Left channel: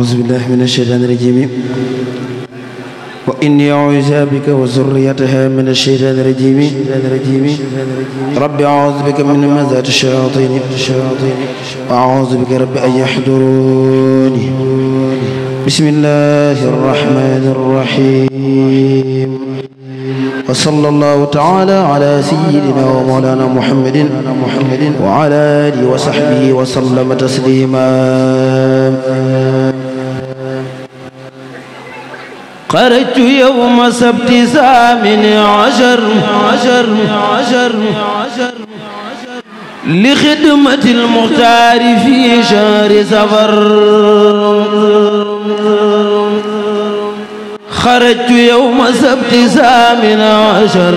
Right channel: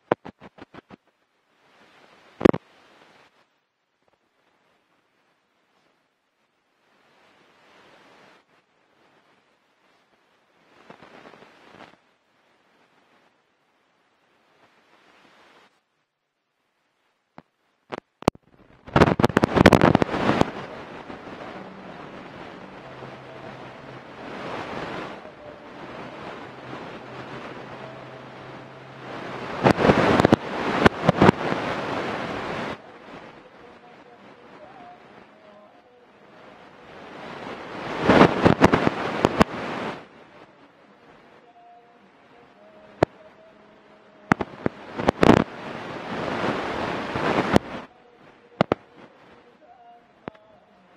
أعوذ بالله من الشيطان الرجيم وإني أعوذ بك وذريتها من الشيطان الرجيم رب أعوذ بك من همزات الشياطين وأعوذ بك رب أن يحضرون بسم الله الرحمن الرحيم وصلى الله تعالى على سيدنا ومولانا محمد وعلى آله وصحبه وسلم تسليما خرجت يوم سبت 18 لخدمة المختار في شهر سفر خرجت يوم سبت 18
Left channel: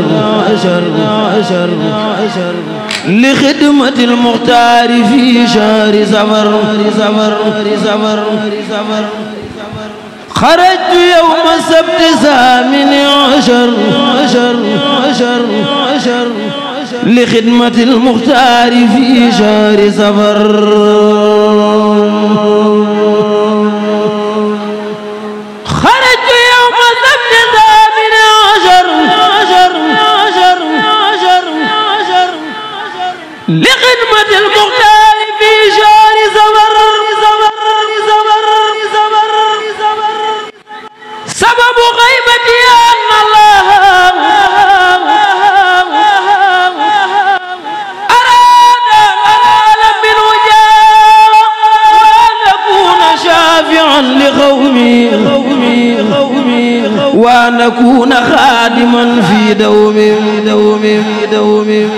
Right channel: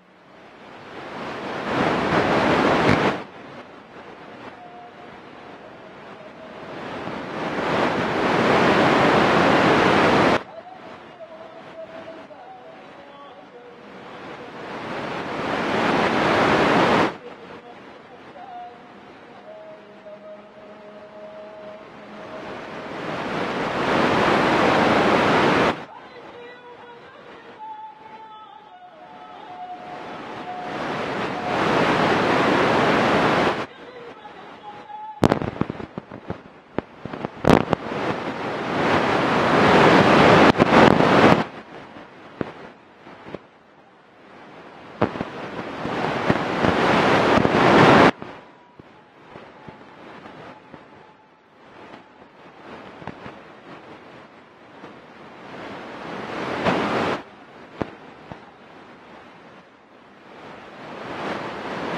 لخدمة المختار في شهر سفر خرجت يوم سبت 18 لخدمة المختار في شهر سفر خرجت يوم سبت 18 لخدمة المختار في شهر سفر سبب غيبتي أن الله أراد العالم بالوجاء وأن أكون شافعا لقومي وأن أكون خادما في دوم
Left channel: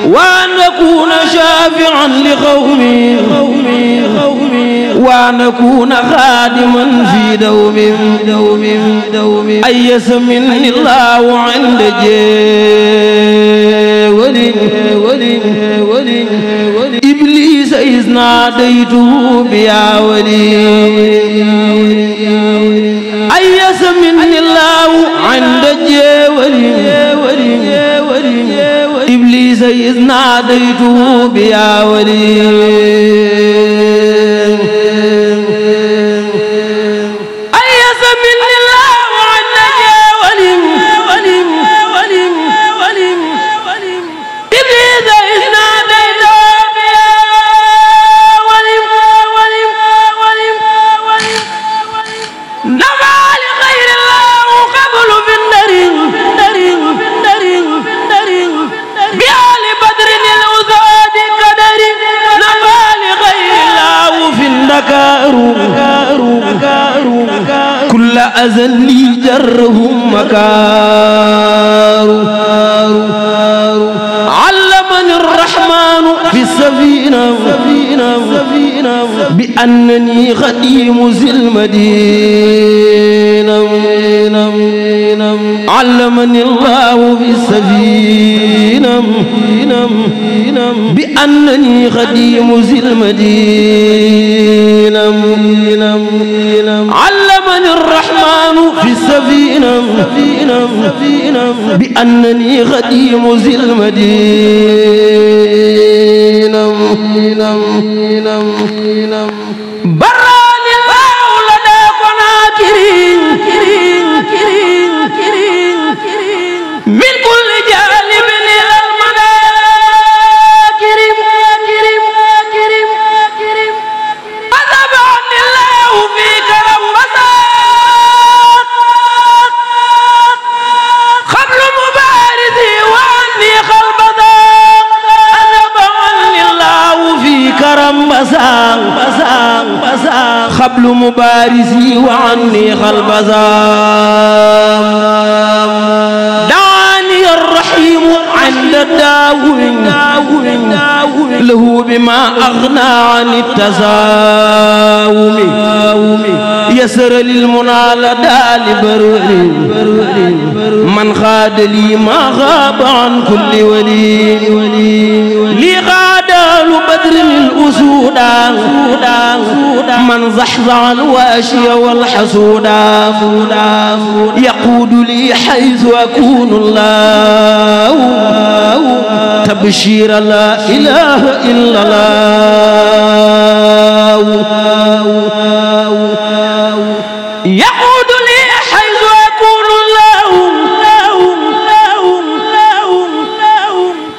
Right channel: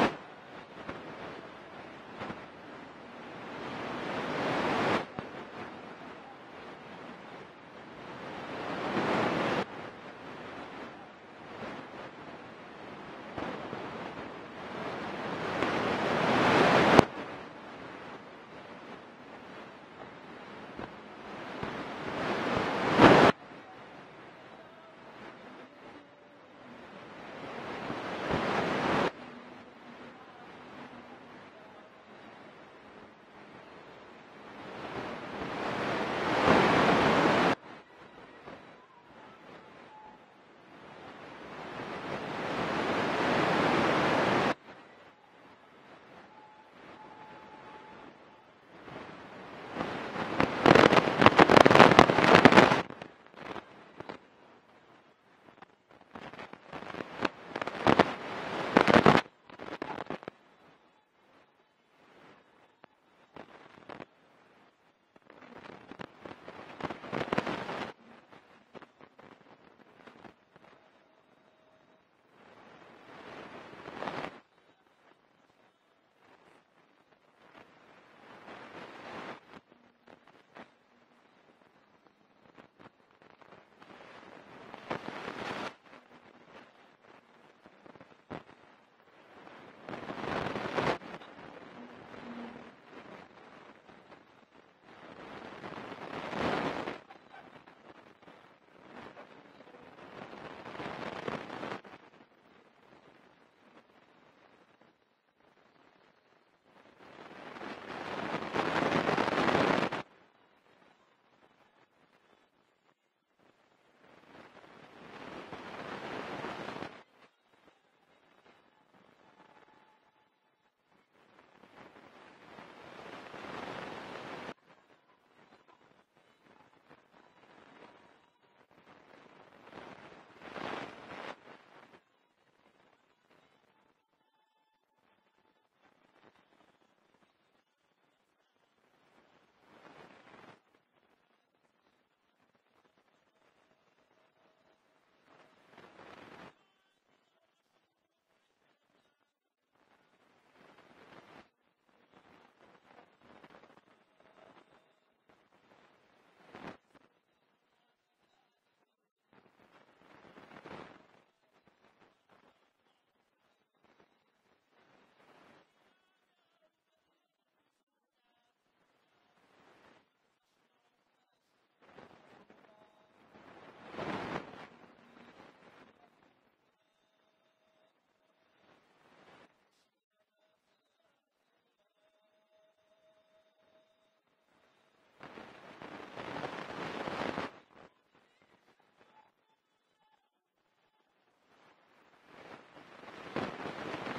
وأن أكون شافعا لقومي وأن أكون خادما في دوم أيس مني الله عند جولي إبليس إذ ناديته بيا ولي أيس مني الله عند جولي إبليس إذ ناديته بيا ولي كل أذن لي جرهم مكار علمني الرحمن في السفينة بأنني خديم ذي المدينة علمني الله في السفينة بأنني خديم ذي المدينة علمني الرحمن في السفينة بأنني خديم ذي المدينة براني الله لدى قناكرين من كل جانب إلى المناكر أذبعني الله في كرم بساط قبل مبارزي وعني خلبذا أذبعني الله في كرم بساط قبل مبارزي وعني خلبذا دعاني الرحيم عند الداوم له بما أغنى عن التزاوم يسر للمنى لدى لبرر من خاد لي ما غاب عن كل ولي لي غاد بدر الأسودا من زحزح الواشي والحسودا يقود لي حيث أكون الله تبشير لا إله إلا الله يقود لي حيث أكون الله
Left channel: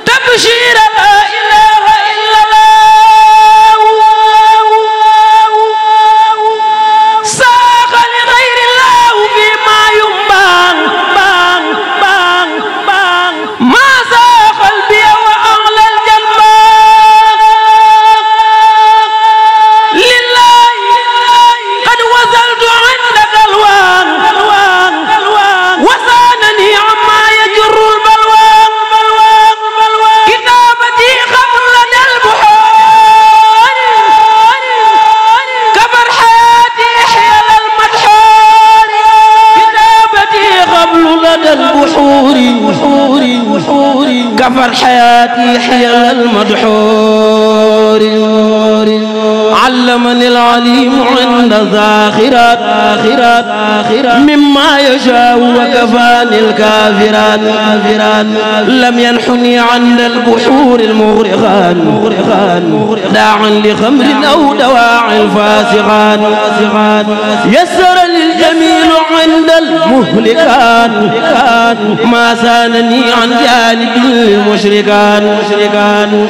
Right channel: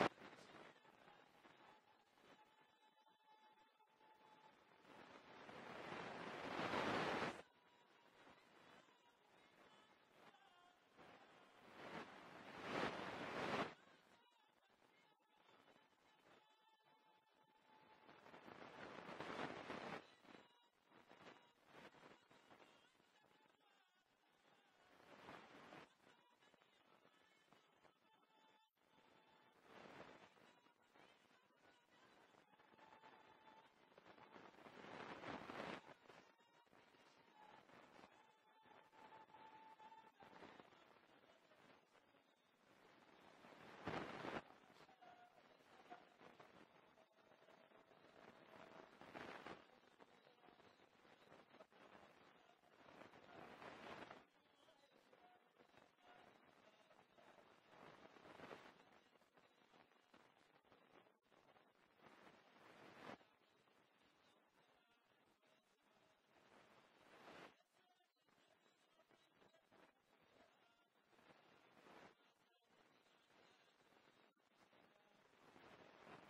تبشير لا إله إلا الله ساق لغير الله فيما ينبان ما ساق قلبي وأغلى الجنبان لله قد وصلت عندك الوان وسانني عما يجر البلوان كتابتي خبر لدى البحور كبر حياتي حيال المدحور كتابتي خبر لدى البحور كفر حياتي حيال المدحور علمني العليم عند الذاخرات مما يشاء وكفاني الكافرات لم ينحني عند البحور المغرقان داعا لخمر أو دواعي الفاسقان يسر للجميل عند المهلكان ما سانني عن جانب المشركان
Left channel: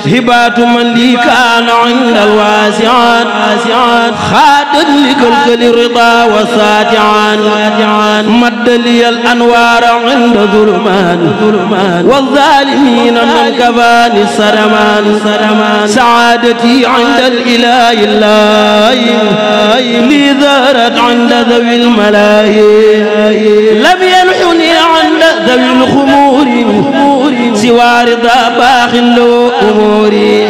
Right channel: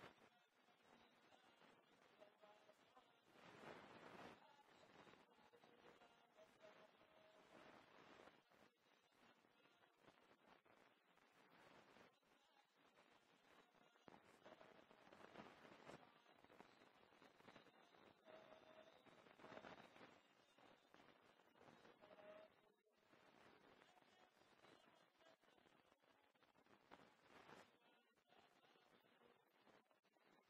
هبات من لي كان عند الواسعان خادت لكلكل الرضا والساتعان مد لي الأنوار عند ظلمان والظالمين من كفاني السرمان سعادتي عند الإله لي ظهرت عند ذوي الملاهي لم ينحني عند ذوي الخمور سوى رضا باخ له أموري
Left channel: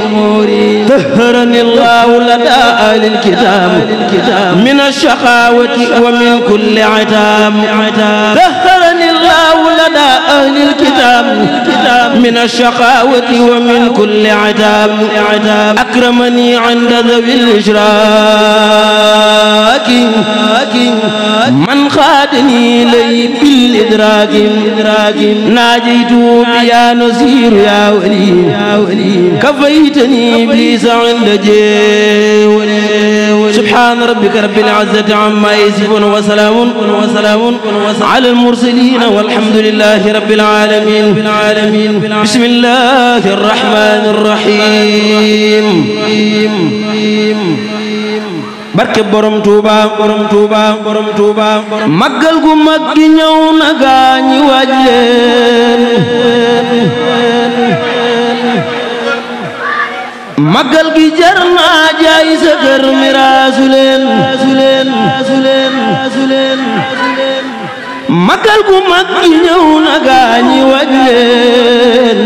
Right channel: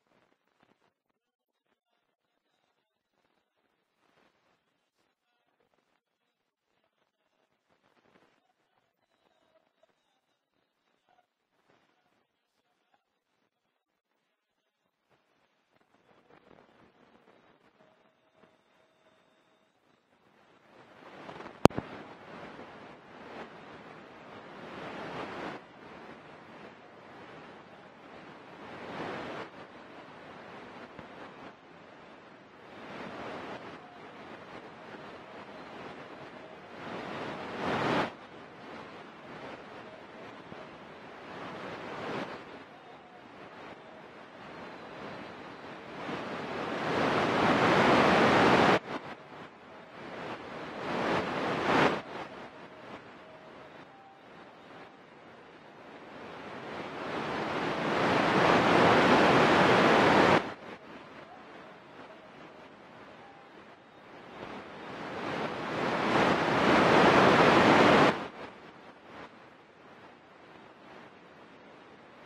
طهرني الله لدى أهل الكتاب من الشقاوة ومن كل عتاب طهرني الله لدى أهل الكتاب من الشقاوة ومن كل عتاب أكرمني عند ذوي الإشراك من خادني لي بالإدراك ناجيت بيا نصير يا ولي كفيتني إبليس عند جولي سبحان ربك رب العزة عما يصفون وسلام على المرسلين والحمد لله رب العالمين بسم الله الرحمن الرحيم barke borom Touba màggal gu mag gi ñëw na gaañi waaj leen màggal gi jar na jaay sa kër miraasu leen màggal gu mag gi ñëw na gaañi waaj leen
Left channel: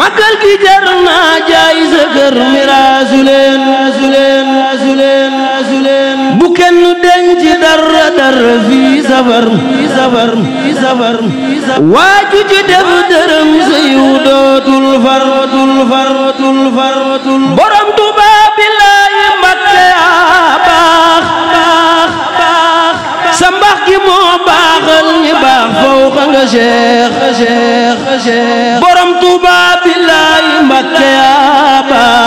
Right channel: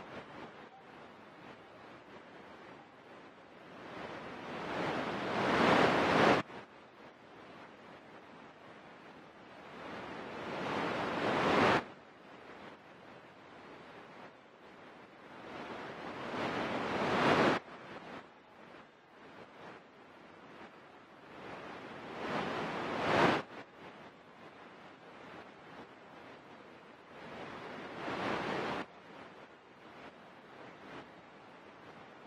màggal gi jar na jaay sa kër miraasu leen bu kenn denc dara fii safar waaju ci def dërëm sa yiw dootul far borom Tuuba billaahi Mbakke yaa baax sa mbax gi moo baaxal ñi baax fawqa nga Cheikh borom Tuuba billaahi Mbakke yaa baax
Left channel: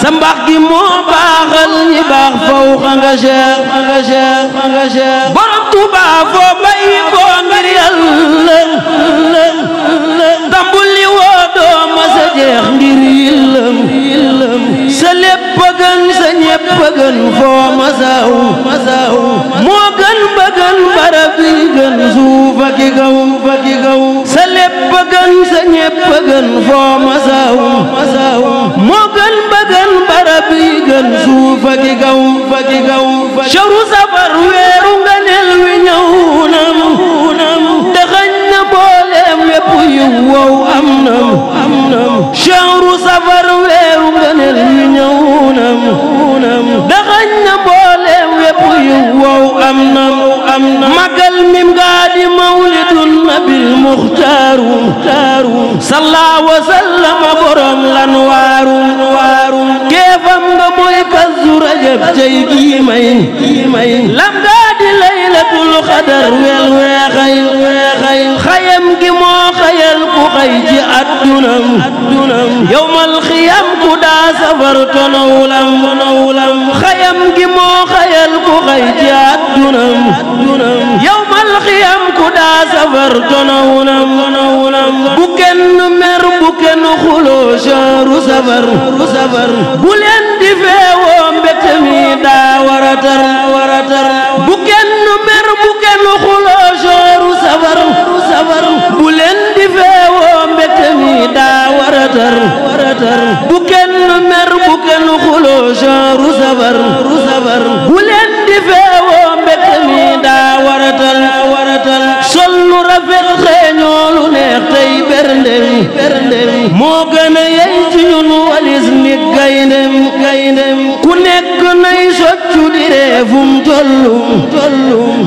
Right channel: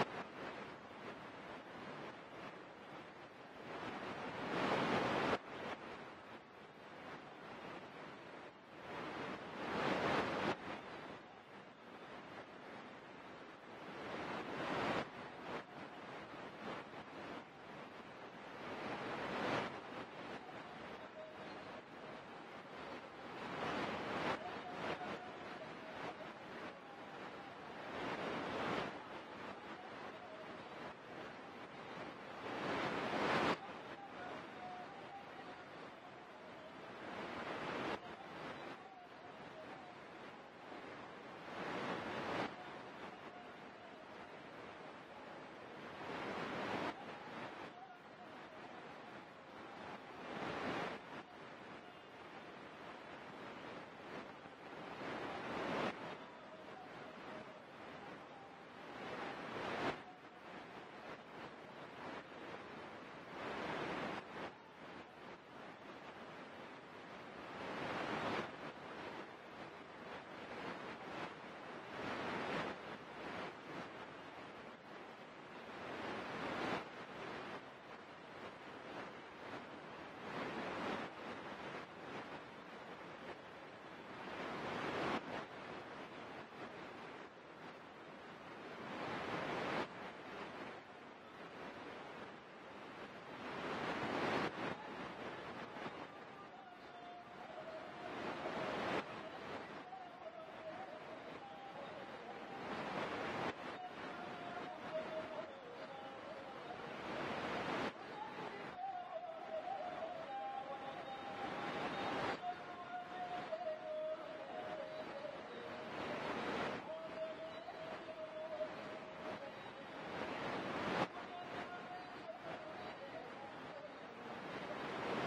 sa mbax gi moo baaxal ñi baax fawqa nga Cheikh borom Tuuba foo bàyyi ko ngir Yàlla tambul li woo doo ma sa jeex ngir yillam sa lépp gën sa ñépp gën foo ma saw moo gën ba gën barab yi gën suuf ak i kaw sa lépp gën sa ñépp gën foo ma saw moo gën ba gën barab yi gën suuf ak i kaw shahru safar weeru ngëneel wi ñëw na dëxañ na mbooleem wépp yu wow am na shahru safar weeru ngëneel wi ñëw na dëxañ na mbooleem wépp yu wow am na magal mim gaa di mawlidun nabil muxtaaru salla wa sallama borom lan waaru keefam nga mooy kazu rajab cey kii may lam gaa di laylatul xadar wel weexay xayam gi moo xayal ku xay ci addunam yawmal xiyam ku daa safar tonawulam xayam gi moo xayal ku xay ci addunam yawmal xiyam ku daa safar tonawulam bu kenn mer bu kenn xuloo shahru safar bu leen di feewoo mbégte mi daa waratar bu kenn mer bu kenn xuloo shahru safar bu leen di feewoo mbégte mi daa waratar bu kenn mer bu kenn xuloo shahru safar bu leen di feewoo mbégte mi daa waratal sol lu rafet xeeñoo lu neex tey berndem moo gën a yey ci ñun walis nit gayndem ku nekk nay soccu di reefum tollu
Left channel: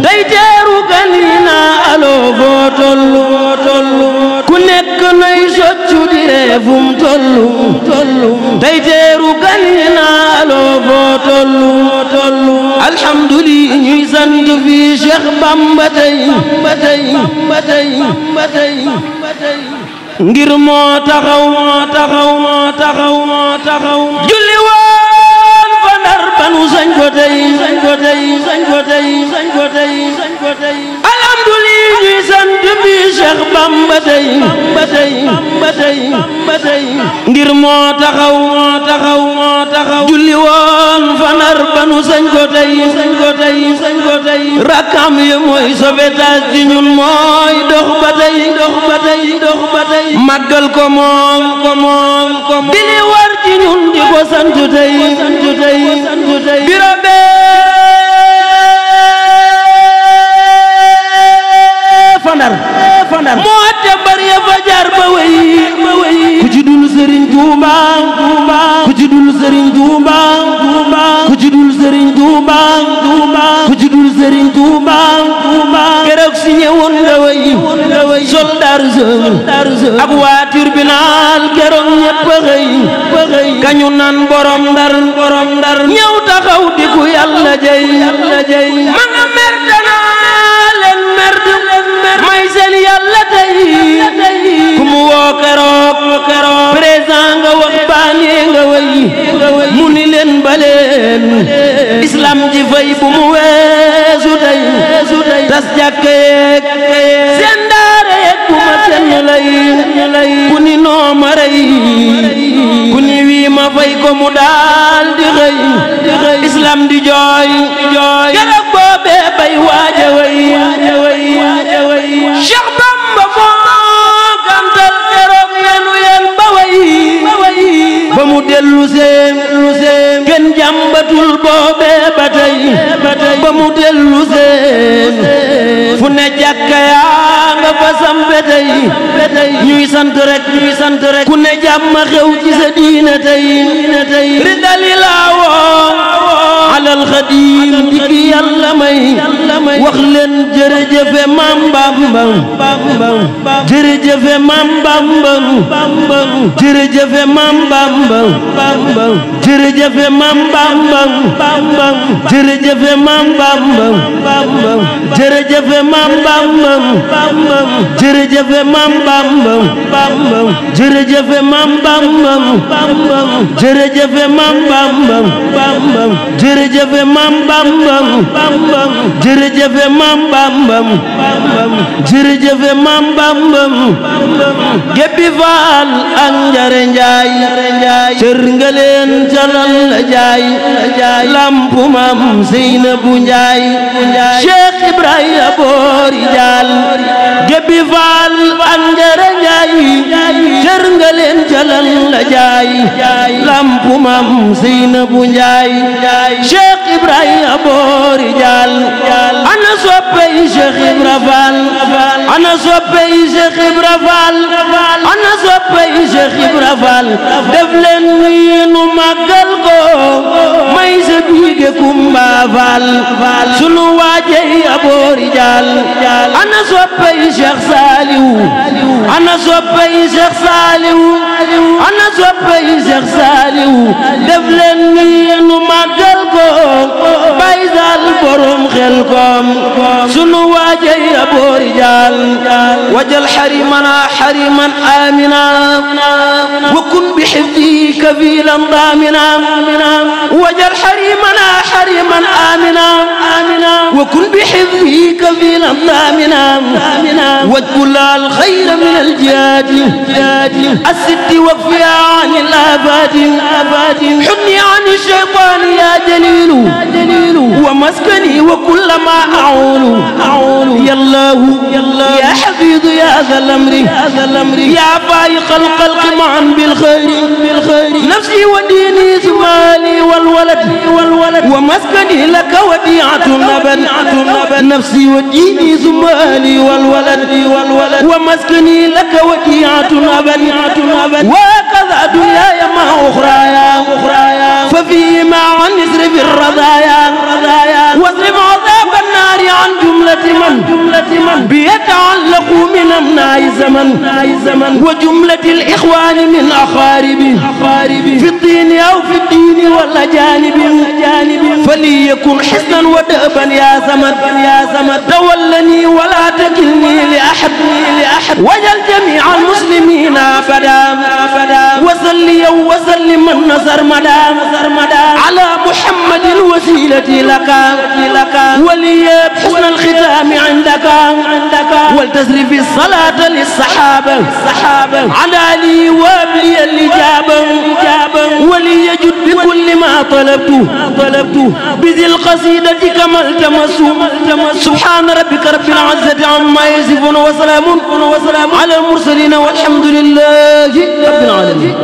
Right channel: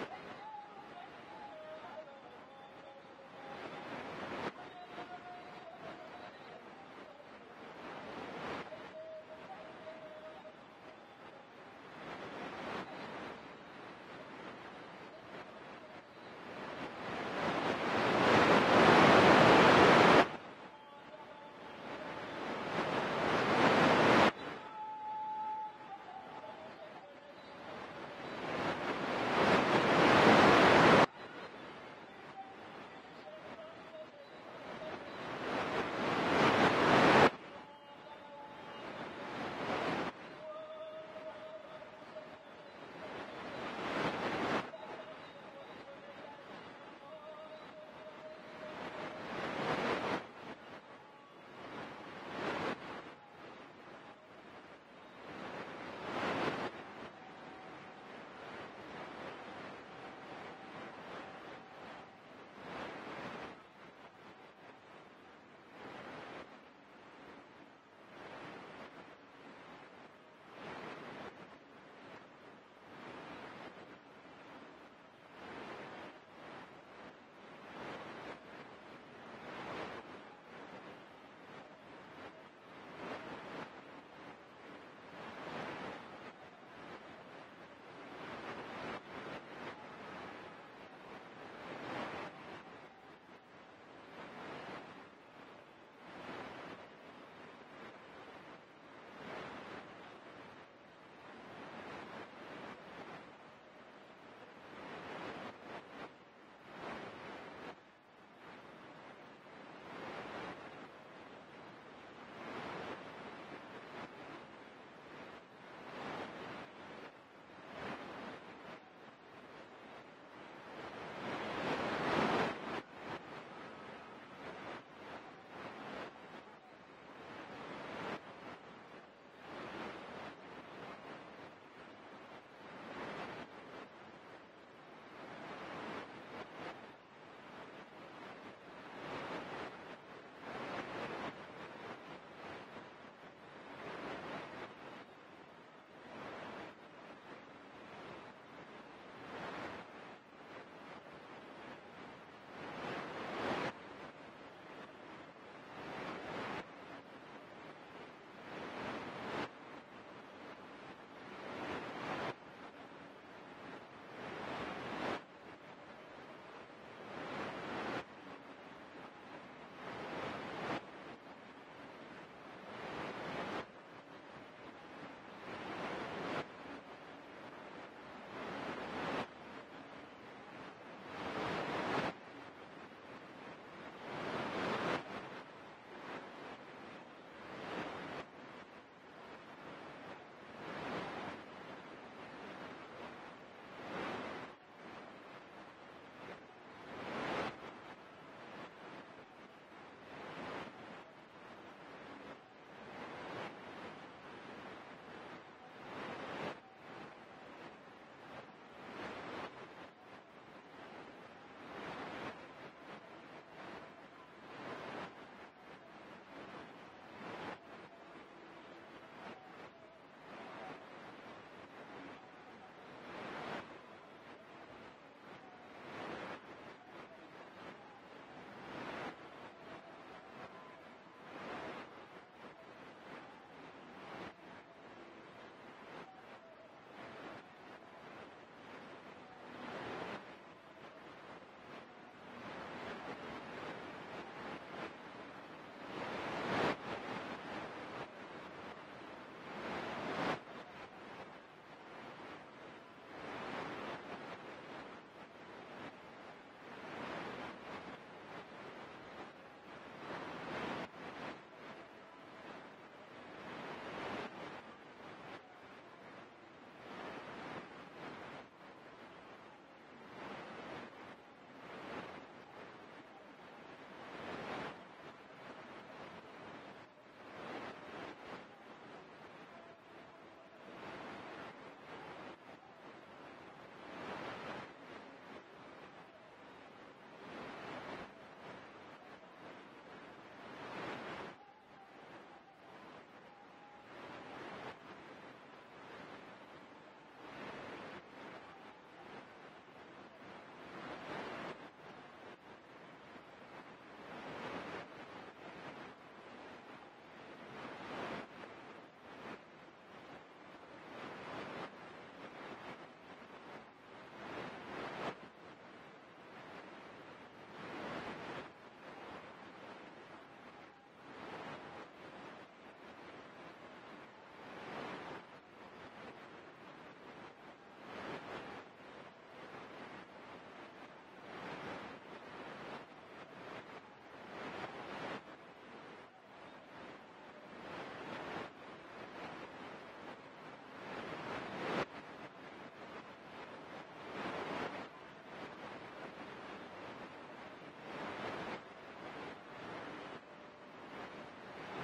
day teeru gan yi naa aloo foo tollu ku nekk nay soccu di reefum tollu day teeru gan yi naa aloo foo tollu alhamdulillah ñuy sant fi Cheikh Bamba tey ngir moo taxaw julli woon fa Ndar banu sañ ko tey alhamdulillah ñuy sant bi Cheikh Bamba tey ngir moo taxaw julli woon fa Ndar banu sañ ko tey rakam yi mooy sauvetage ci ñun mooy dox ba tey màggal ko moom di li war ci ñun di ko sant tey biro fa Ndar moo te bari ya fa jaar ba wey ku ci dul Serigne Touba ku ci dul Serigne Touba ku ci dul Serigne Touba ku ci dul Serigne Touba keroog si ñëwoon nga wey soldaar ak waa tribunal keroog ñépp xëy kañu naan borom Ndar ñëw taxaw di ku Yàlla jey ma nga mer danaa leen mer may seen Yàlla tey ku mu woo keroog président nga wax baane nga wey mu ni leen baleen islam ji fay bu mu weesu tey tas jàkka yeeg seen daara yeeg bu ma seen lay ku ni noo ma rey ku ni wii ma fay ko mu daal di xëy islam di jooy keroog boobee bay waaja way Cheikh Bamba moo gantal keroog yenu ba way ba mu dellu seen kenn jàmbatul boobee ba tey ba mu dellu seen fu ne jàkka yaa nga fa sampe tey ñuy sant rek ku ne jàmm xew ci sa diina tey ridali laawoo alal xadim dikki Yàlla may wax leen jërëjëfe Maam Bamba jërëjëfe Maam Bamba jërëjëfe Maam Bamba jërëjëfe Maam Bamba jërëjëfe Maam Bamba jërëjëfe Maam Bamba jërëjëfe Maam Bamba jërëjëfe Maam Bamba jërëjëfe Maam Bamba jërëjëfe Maam Bamba jërëjëfe Maam Bamba jërëjëfe Maam Bamba Gébbi Faal ak Njare Njaay cër nga leen calal la jaay lampu Maam Seynabu Njaay Cheikh Ibrahima Boori Jaal Gébbi Faal ak Njare Njaay cër nga leen calal la jaay lampu Maam Seynabu Njaay Cheikh Ibrahima Boori Jaal ana soppey Cheikh Ibra Faal ana soppey Cheikh Ibra Faal ana soppey Cheikh Ibra Faal def leen nii nu màggal ko may sa biige Kumba Faal sunu waajey Boori Jaal ana soppey Cheikh Saaliw ana soppey Cheikh Saaliw ana soppey Cheikh Saaliw def leen nii nu màggal ko bay Saal borom xel الكم سنو واجي أبو رجال وجل حريمنا حريما آمنا وكن بحفظه كفيلا ضامنا وجل حريمنا حريما آمنا وكن بحفظه كفيلا ضامنا واجبل الخير من الجهاد الست وفيا عن الآفات حني عن الشيطان يا جليل ومسكني وكل ما أعول يا الله يا حفيظ يا ذا الأمر يا فائق الخلق معا بالخير نفسي وديني زمالي والولد ومسكني لك وديعة أبد نفسي وديني زمالي والولد ومسكني لك وديعة أبد وكذا دنياي مع أخرايا ففيهما عن اصرف الرضايا واصرف عذاب النار عن جملة من بيتعلق من أمناء الزمن وجملة الإخوان من أقارب في الدين أو في الدين والأجانب فليكن حسنا ودأبا يا زمن تولني ولا تكلني لأحد وجل جميع المسلمين أبدا وصلي وسلم النصر مدى على محمد الوسيلة لك ولي بحسن الختام عندك ولتسرف الصلاة للصحابة على لي وابلي الإجابة وليجد بكل ما طلبت بذي القصيدة كما التمسوا سبحان ربك رب العزة عما يصفون وسلام على المرسلين والحمد لله رب العالمين